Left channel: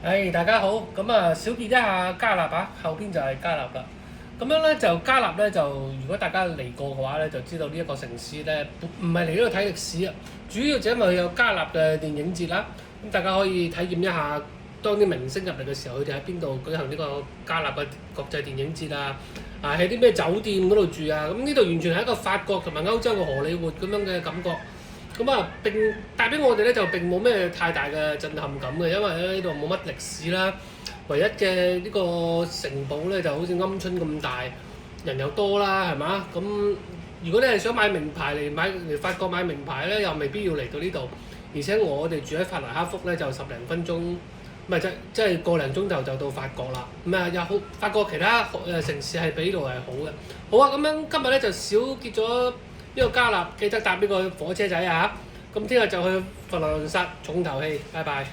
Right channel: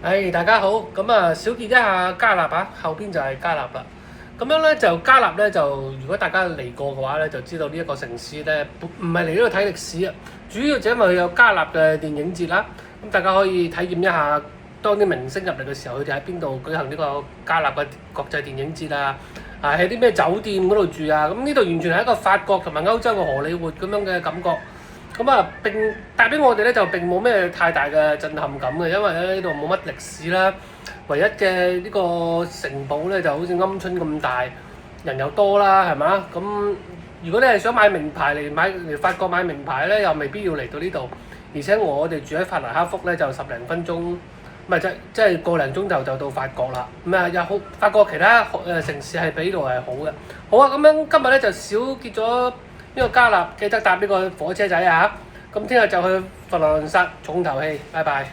大家好，咁啊，小結一下加納啊，後邊就係加納啦。咁樣咧就加納咧就，如果大家嚟過嘅話咧，就知道呢一個城市咧，唔係嚟呢度睇歷史啊，主要就因為佢有加納嘅電影節啦。咁大家可以體驗一下，當啲明星入嚟嘅時候，佢哋喺邊度舉行呢個加納嘅國際電影節啊？喺啲咩酒店嗰度住啊？咁呢度完全係一個法國同埋歐洲嘅荷里活咁樣嘅感覺。咁啊，並帶俾我哋咧就並冇咩太大嘅震撼感嘅，因為咧呢度冇乜歷史啦，唯一嘅呢個城堡咧就好似鵪鶉咁大，人又多啦，係嘛？咁如果你係想買名牌嚟法國買名牌咧，又未必要嚟到呢度，而且我哋住喺法蘭克福咧就十零分鐘，唔係即係個零鐘頭就到法國啦。咁啊又好，法國其他城市係比呢度係好嘅。好啊，咁樣今日咧就少結咗。呢個加納記得搭呢個火車仔啊！咁聽日就去佛羅倫薩重頭戲，拜拜。